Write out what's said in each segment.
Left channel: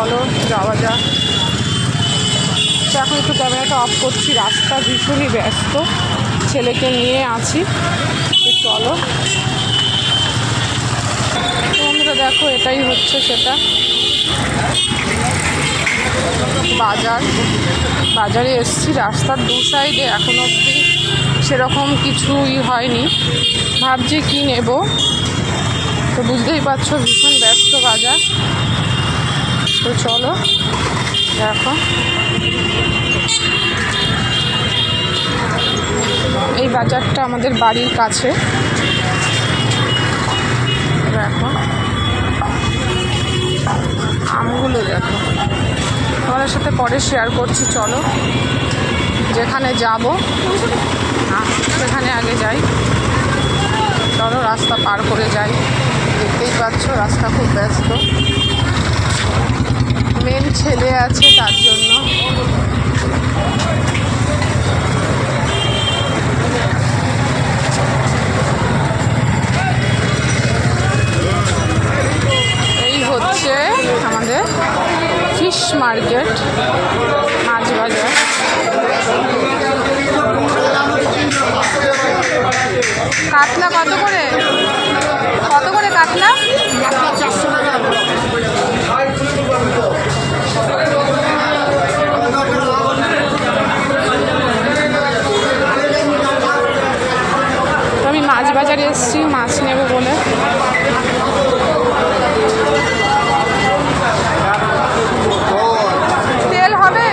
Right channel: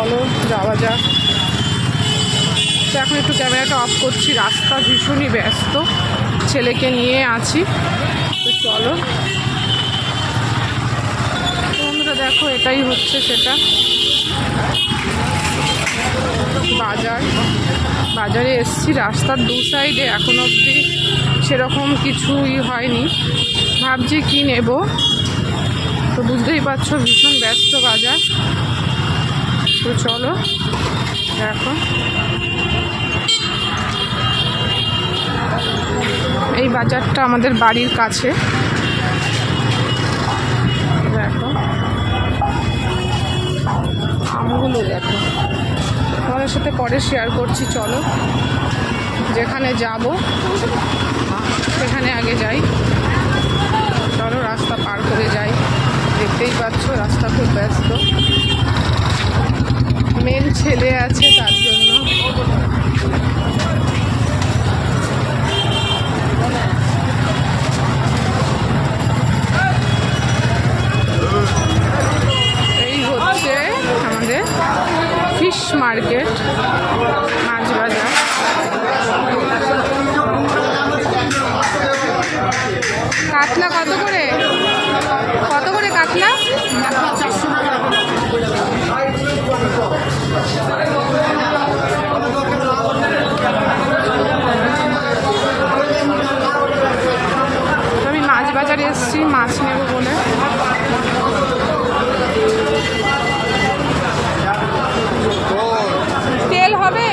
চলো যাওয়া যাক। তো এখন একটু ক্যামেরাটা অফ করছি, রাস্তা ভীষণই ব্যস্ত, ছেলেকে নিয়ে আছি। তো চলো তোমরা দেখো, এটাই হচ্ছে সেটা বাজার। বাজারে এসছি, রাস্তার দু সাইডে এখন অবধি সেরকম কিছুই হয়নি, ভাবছি কি নেব। তো বুঝতেই পারছো ভীষণ ব্যস্ত বাজার। তো চলো দেখো, এই বাজারটা আমাদের বাড়ির কাছে। দেখো আমগুলো দেখো, তোমাদের সাথে পরে শেয়ার করছি। চলো যেখানে যাব সেখানে আগে যাই। চলো রাস্তা পার করে যাই। দেখতেই পাচ্ছ রাস্তা খুব ব্যস্ত, মেন ছেলে আছে তার জন্য। এই হচ্ছে আমাদের ফিশ মার্কেট, মাছ বাজার। কাতলা কত করে? কত করে কাতলা? আমি মাছ বাজারে এসেছি মাছ নেব বলে। তেল হবে?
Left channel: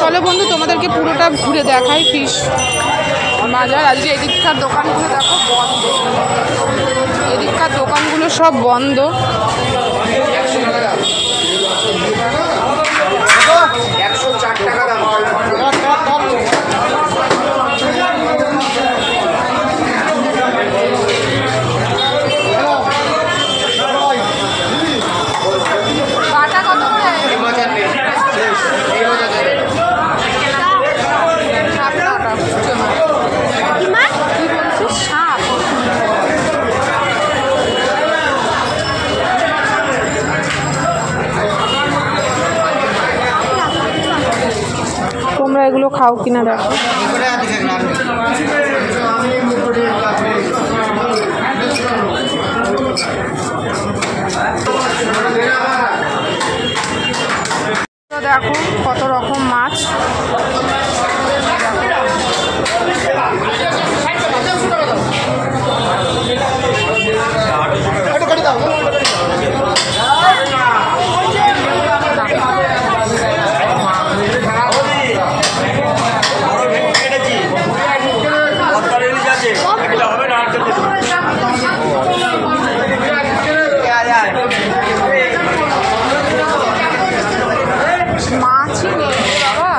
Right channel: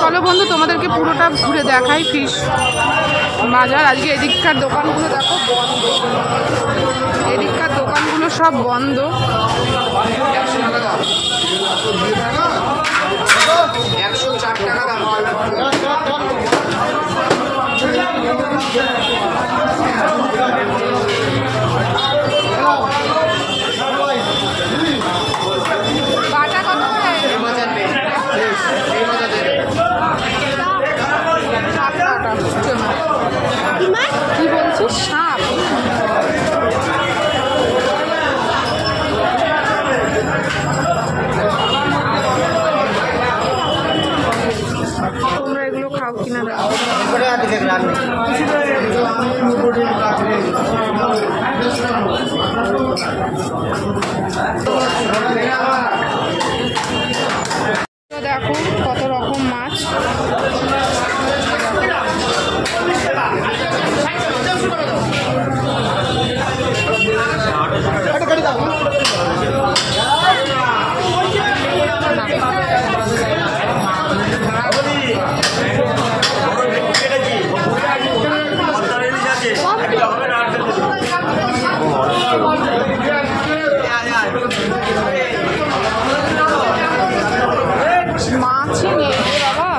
চলো বন্ধু তোমাদেরকে পুরোটা ঘুরে দেখাই ফিশ বাজার। আজকে এদিককার দোকানগুলো দেখো বন্ধ, এদিককার দোকানগুলো সব বন্ধ। বাটা কত করে? কি বলছিস? সাপ? তোমরা এগুলো খাও কিনা দেখো। দেখো কত রকম মাছ। মাছ বাবা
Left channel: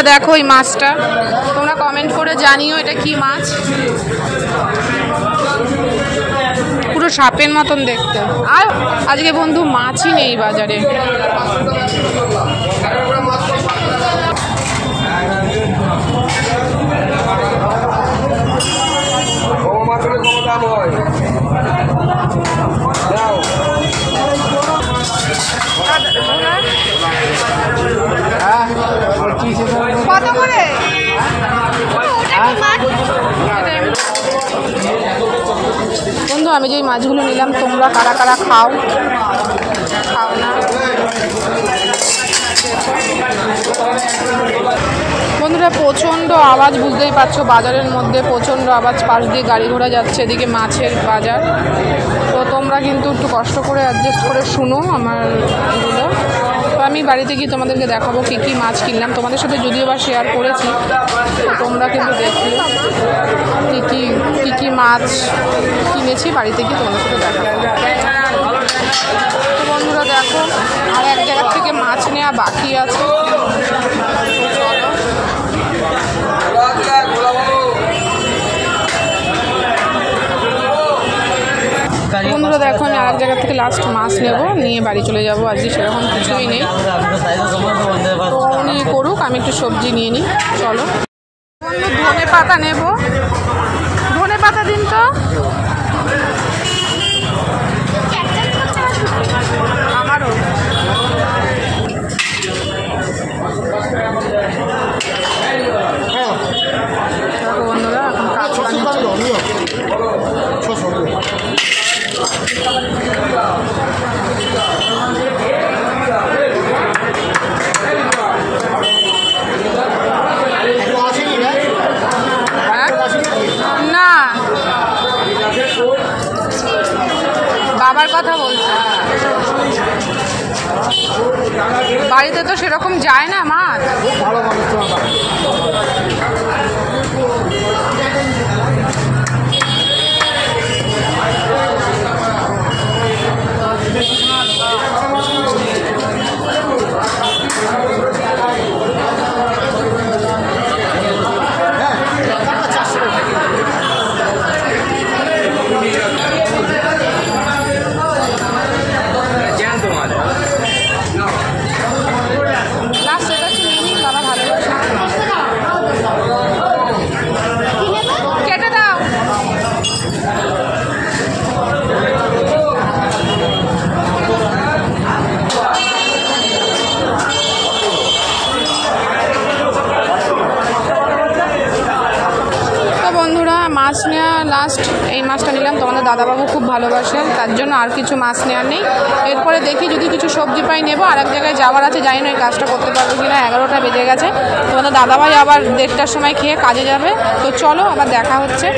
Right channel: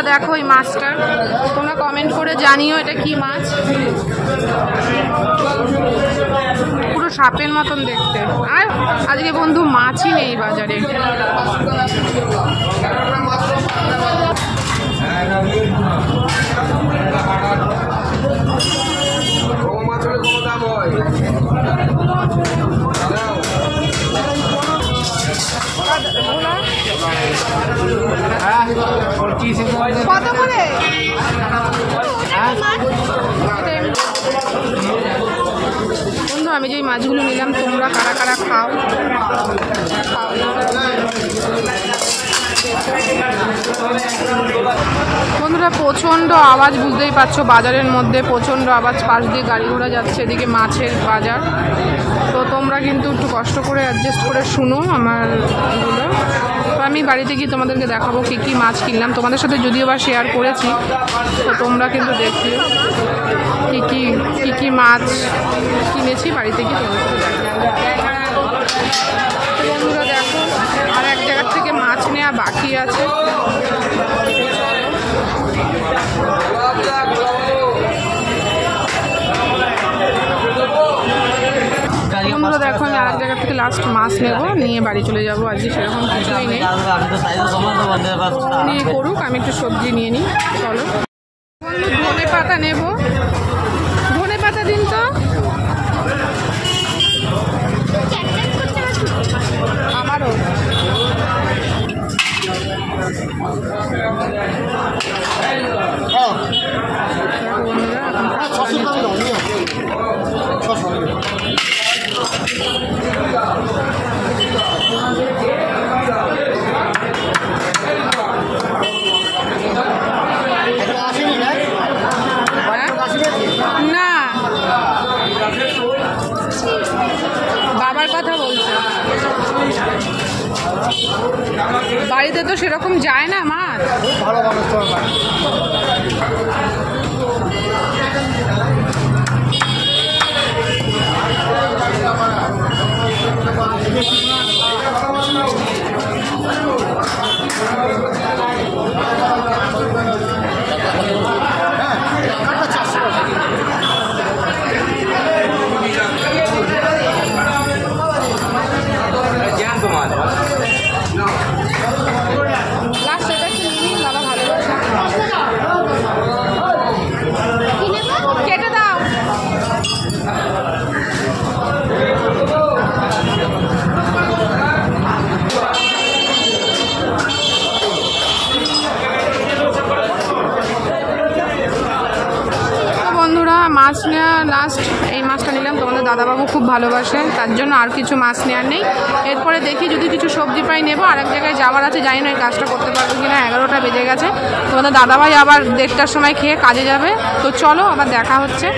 বন্ধুরা দেখো এই মাছটা, তোমরা কমেন্ট করে জানিও এটা কি মাছ। পুরো সাপের মতন দেখতে। আর আজকে বন্ধু মাছই নেই বাজারে। কত করে? বন্ধু আমি যে মাছগুলো নিলাম তোমরা কারা কারা খাও না? বন্ধুরা প্রচণ্ড আওয়াজ, বুঝতেই পারছো বাজারের মধ্যে প্রচণ্ড আওয়াজ, পাশ দিয়ে গাড়ি ঘোড়া যাচ্ছে, এদিকে মাছের বাজার। তো তোমরা কিন্তু একটু কষ্ট করে অ্যাডজাস্ট করে শুনো আমার এগুলো। তো আমি বাড়িতে গিয়ে তোমাদেরকে দেখাবো কী কী মাছ কিনলাম, তোমাদের সাথে যদিও বা শেয়ার করেছি। তো তোমরা কিন্তু দেখো কী কী মাছ কিনেছি, বাড়িতে গিয়ে তোমাদের সাথে দেখাবো। তো বন্ধুরা দেখো আর এক জায়গার থেকে মাছ নেওয়া বাকি আছে। বন্ধুরা দেখো আমি আরেক জায়গা থেকে লাস্ট মাছ নেবো, নিয়ে বাড়ি চলে যাবো। আজকে সেরকম কিছুই নেই, তো উনি করুক, আমি একটু সবজি নিয়ে নিই। চলো বন্ধু ধনে পাতা নেবো, ধনে পাতা দিন তো। আমারও দেখো বন্ধুরা এখন কাঁচা নিচ্ছি। না বাবার কথা বলছি, বাড়িতে তো সেরকম যায় না মাছ। মাছ নেওয়া লাস্ট এই মাছটা নিলাম, তোমাদের দাদাবাবু খুব ভালোবাসে তার জন্য আর কিছু মাছ নেওয়ার নেই। এরপরে দেখি যদি কিছু সবজি পাই নেবো, আর এক জায়গায় যাওয়ার আছে, জানি না এই কাজটা করতে পারবো কি না। 11টা বেজে গেছে, তোমাদের দাদাভাই আবার 1:30টার সময় খেয়ে কাজে যাবে। তো চলো আবার দেখা হচ্ছে।